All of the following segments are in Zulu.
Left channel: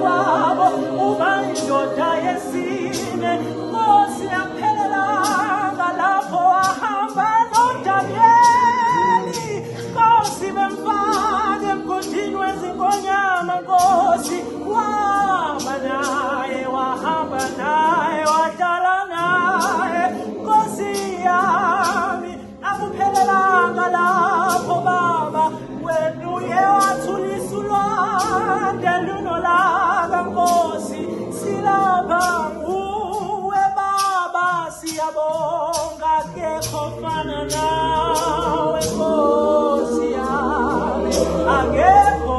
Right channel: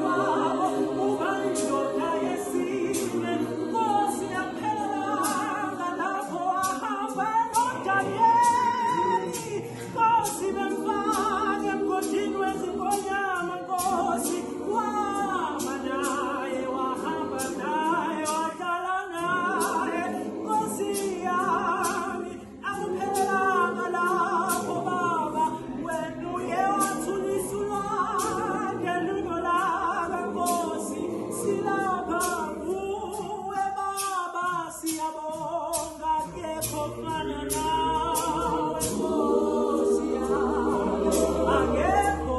kwabo uba indoda yesine. Nkosi yaphelelanga lapho wahamba noDanyeli. Nkosi bemfaka emgodini wezinkonyama. Nkosi waba naye, wahamba naye, wahlala naye. Nkosi yami akuphelelanga lapho baba, wena uye wathulisa ulwandle lunolaka. Nkosi silapha nguwe baba, siyabonga akekho fana nawe. Nkosi yami akekho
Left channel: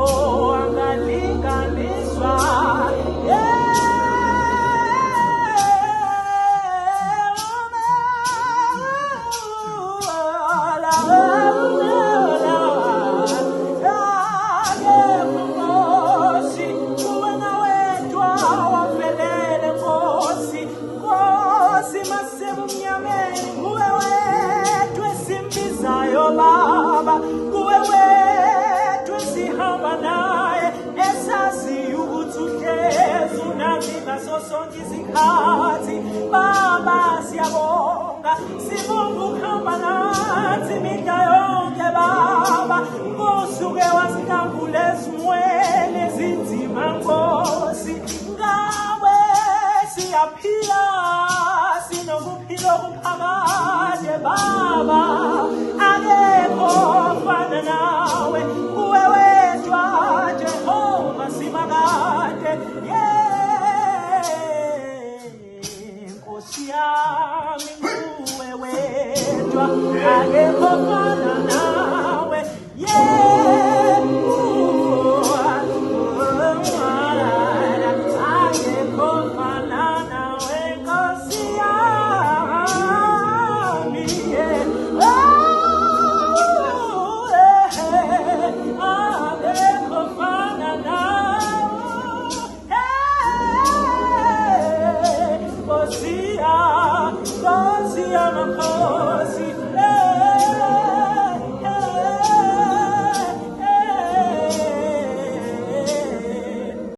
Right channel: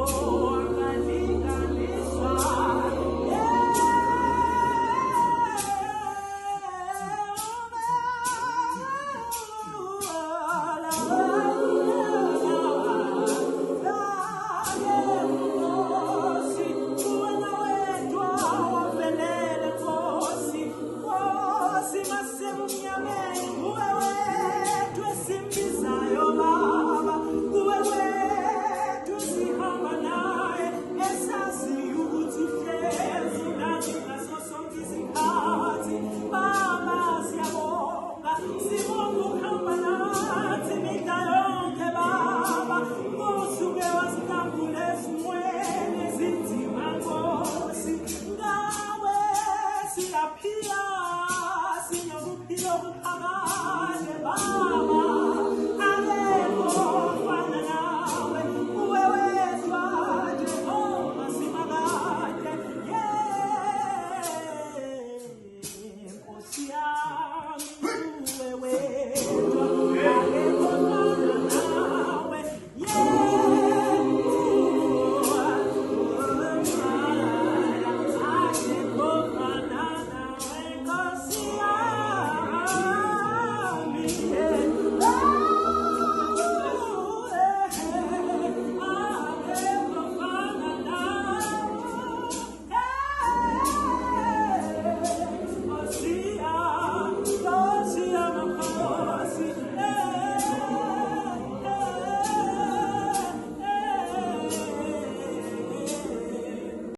angalinganiswa. Baba, kuwe wethu esihamba naye, esazi ukuthi uhlezi unami ngaso sonke isikhathi. Baba siyabonga, sibonga ukuhamba nathi imihla yonke baba. Nkosi uke wasihlambula ezimweni ezinzima. Nkosi ngawe siyaphila, sinokuphila okuphakade baba. Akekho fana nawe, kuwe wedwa Jehova simakade. Nkosi yami kuwe wedwa, akekho fana nawe. Akekho fana nawe, Nkosi yami. Nkosi yami, Nkosi yami,